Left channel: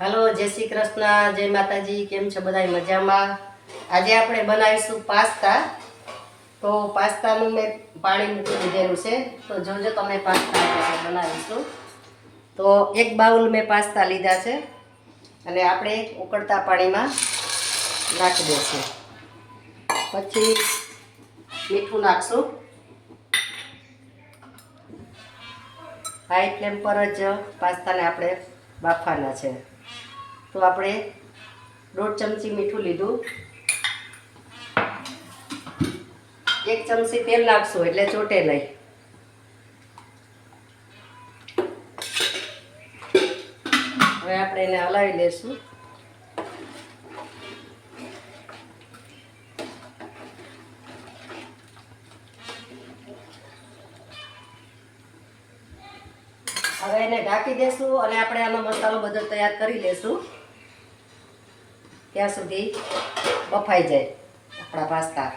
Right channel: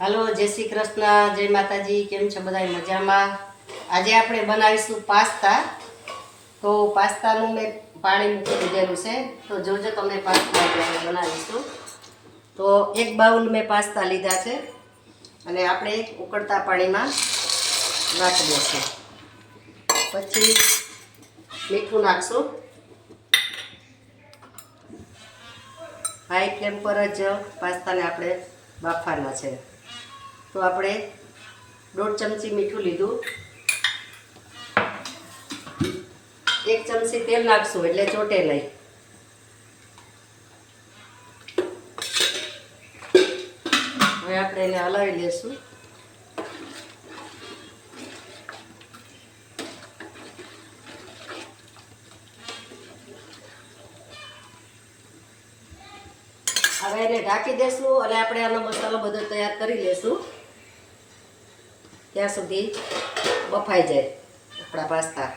Hello जय श्री कृष्ण जय माताजी केम छो बधाई मजा में। आज આપણે બનાવીશું પાસ્તા। તો પાસ્તાનું મેં પાણી મૂકી દીધેલું છે, તો જોજો તમે પાસ્તા બનાવીશું। તો એક બાઉલ મેં પાસ્તા લીધા છે અને આપણે ઉકળતા પાણીમાં નાખી દઈશું। પછી મીઠું નાખશું। હાઈ ફ્લેમ પર જ પાસ્તાને આપણે બાફવાના છે। तो આપણે 1.5 ચમચી મીઠું લીધું, 1 ચમચી તેલ નાખશું એટલે ચોટે નહીં। હવે આપણે એને હલાવી લેશું। હવે એને ઢાંકી દેશું અને આપણે આનો મસાલો બધો તૈયાર કરી લેશું ત્યાં સુધી બફાઈ જાય આપણા પાસ્તા।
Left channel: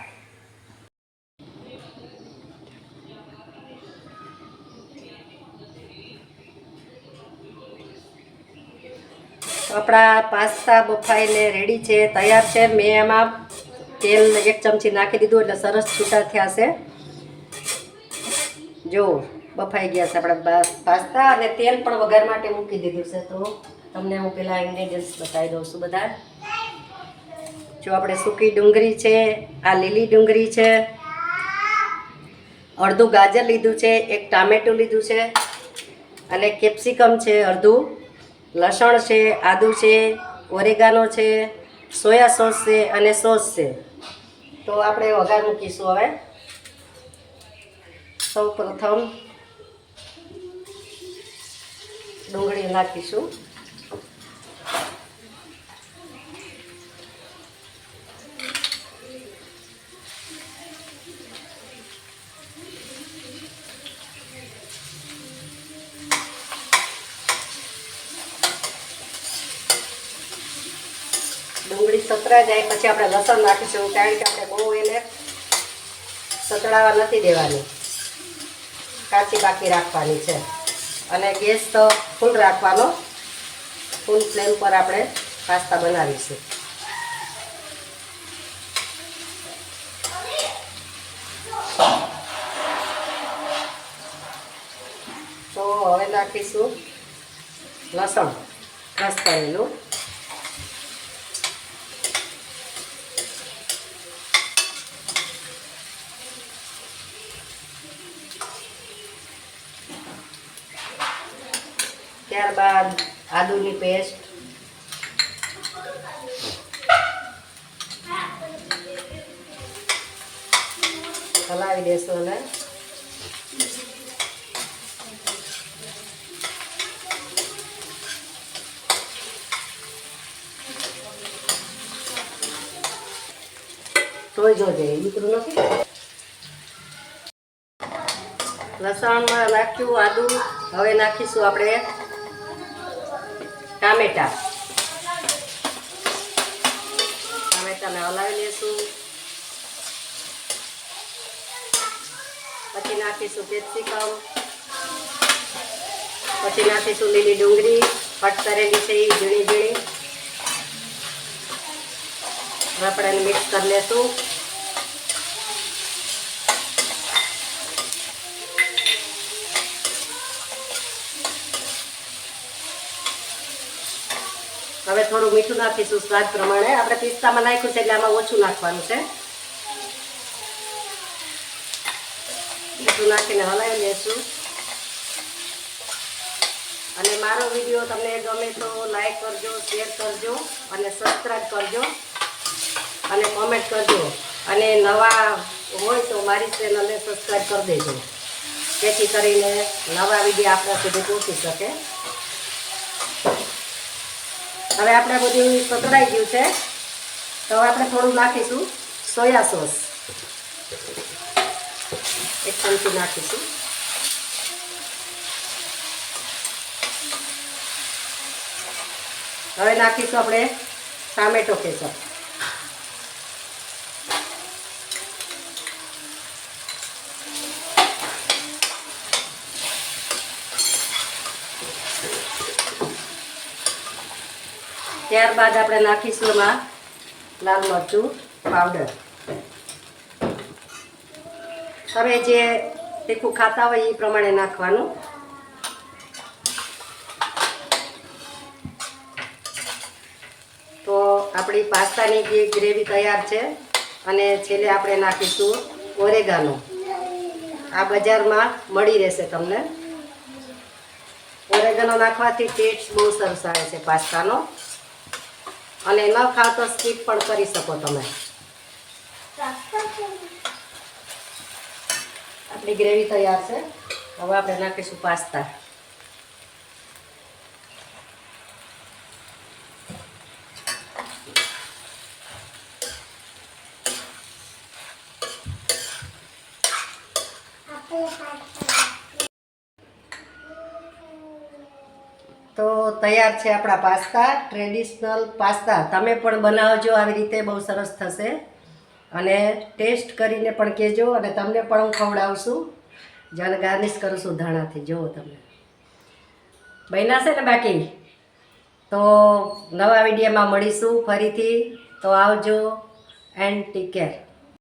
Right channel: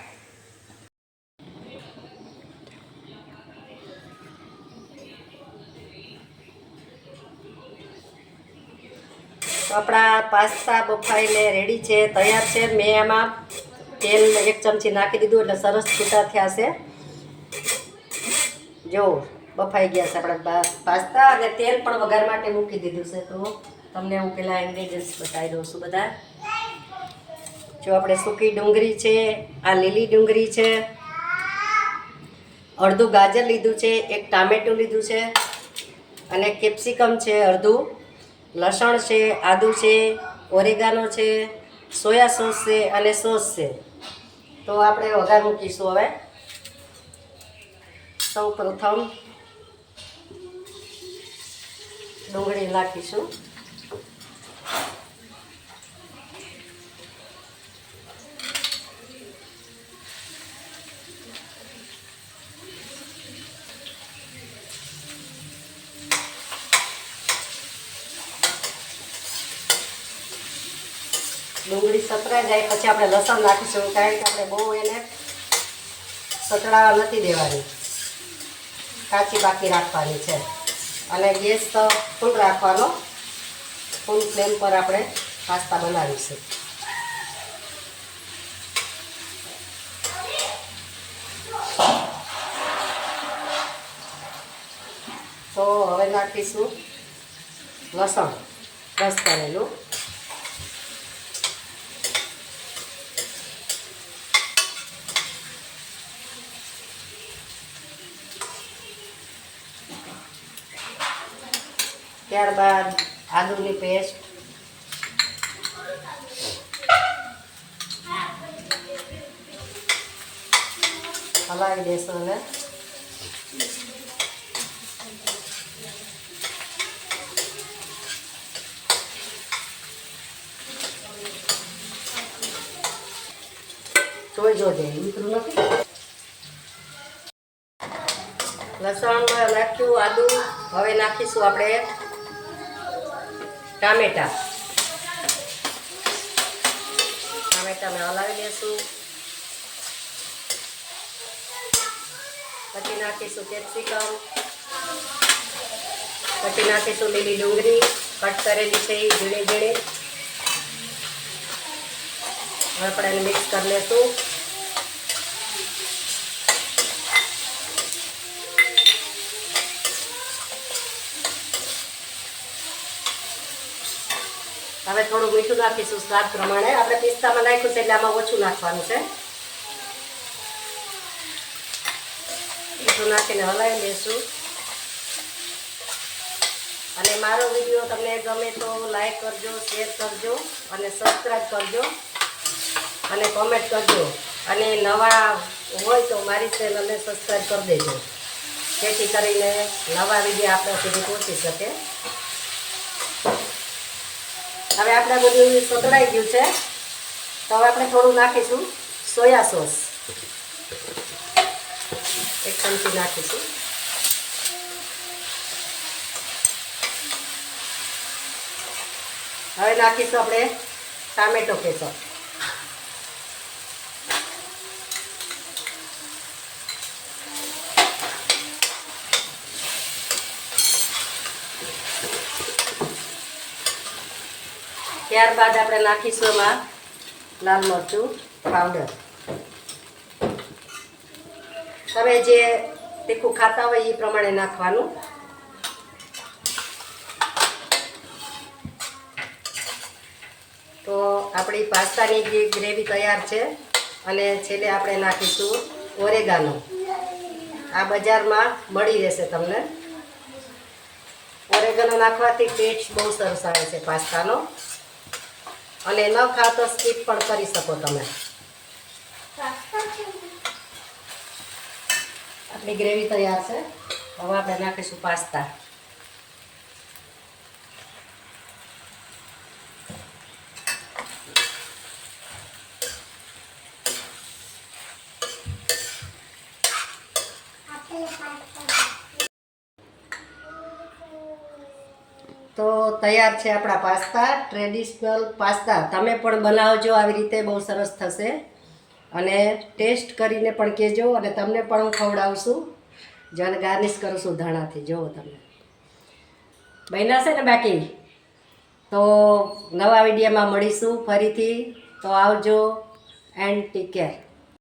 આપણા પાસ્તા બફાઈને રેડી છે, તૈયાર છે। મેં એમાં તેલ 1 ચમચી નાખી દીધું એટલે સરસ છૂટા થયા છે। જો બફાઈ ગયા છે આપણા પાસ્તા અને તેલ પણ વઘાર માટે મૂકી દીધું છે। તો તમને હું પહેલાં ઇન્ગ્રેડિયન્ટ્સ બતાવી દઉં છું બધા। જો આપણે સૂકી ડુંગળી છે, આ લીલી ડુંગળી છે, અડધું ગાજર લીધું છે, 1 ટામેટું લીધું છે અને કેપ્સિકમ છે અડધું, લસણ છે, આદુ છે, ઓરેગાનો છે, સોયા સોસ છે અને સોસ છે। તો આપણે વઘાર મૂકીશું। હવે સૌ પ્રથમ ડુંગળી નાખીશું। ડુંગળી સતરા જાય પછી આપણે લસણ નાખીશું, કારણ કે આપણે બહુ એને સતળાવા નથી દેવાની, કાચી બાકી રાખવાની છે। અને ગેસ તો ફૂલ રાખવાનો, ફૂલ ફ્લેમ પર આપણે પાસ્તા બનાવીશું। તો હવે નાખીશું લસણ ક્રશ કરેલું, ત્યારબાદ આદુની પેસ્ટ, હલાવી દેશો અને જોઈ જોજે ઉતરું નથી। લસણમાં નાખ્યું આદુ, હવે નાખીશું આપણે ટામેટાને હલાવી લેશું। પછી નાખીશું કેપ્સિકમ, પછી નાખીશું લીલી ડુંગળી કટ કરેલી છે એ ઝીણી ઝીણી। આપણે એને મિક્સ કરી લેશું। હવે થોડું મીઠું નાખીશું સ્વાદ પ્રમાણે, આપણે પિસ્તામાં નાખ્યું છે એટલે આમાં ઓછું નાખવાનું છે। મીઠું નાખીને હલાવી લેશું। અને મારો વિડીયો તમને ગમે તો લાઈક કરજો, શેર કરજો અને સબસ્ક્રાઈબ કરજો અને કોમેન્ટ કરજો। અને નવા હોય તો મારી ચેનલને સબસ્ક્રાઈબ કરી દેજો, જેથી કરીને નવા વિડીયો આપણા સુધી પહોંચી શકે। હવે આપણે બધું સતળાઈ ગયું છે, તો હવે આપણે થોડું નાખીશું સોયા સોસ, 1 ચમચી નાખીશું। હવે નાખીશું આપણે ટામેટો કેસર, ત્યારબાદ આપણે નાખીશું એમાં લાલ મરચું પાવડર. તમે જે તીખું ખાતા હોય એ પ્રમાણે નાખવાનું. તો આપણી પાસ્તાની ગ્રેવી તૈયાર છે. અને છેલ્લે આપણે નાખીશું ઓરેગાનો. આ બજારમાં મળી રહેશે તમને. ઓરેગાનો નાખવાથી ટેસ્ટ બહુ સરસ આવે છે પાસ્તાનો. અને ન ખાવ તો સ્કીપ પણ કરી શકો તમે. આપણી ગ્રેવી તૈયાર છે. હવે આપણે નાખીશું પાસ્તા. તો તૈયાર છે આપણા પાસ્તા, ટ્રેડિશનલ પાસ્તા. તમે પણ બનાવજો આવી રીતે, બહુ સરસ થશે. અને ટેસ્ટ કરીને પણ કહેજો. અને તમને પણ હું ખવડાવશું. જેને ગાર્નિશ કરું છું ધાણાથી. જુઓ તમે બન્યા છે ને બાકી. તો નવા વિડીયોમાં મળીશું ફરીથી. તો આવજો એન્ડ ટેક કેર.